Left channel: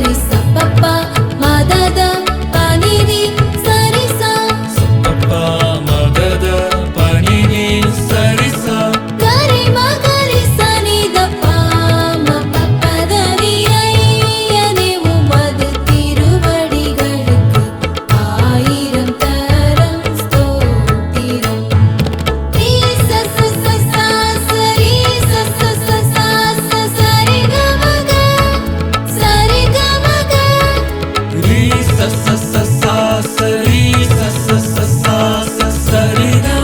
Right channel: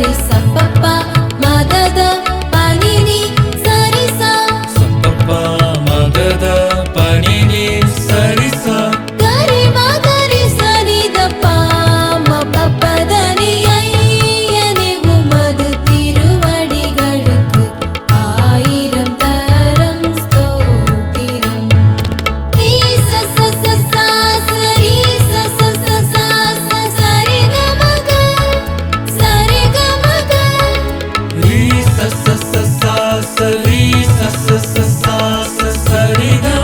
सप्प मा ददा पनेरि सरिसा स, 재미ýण...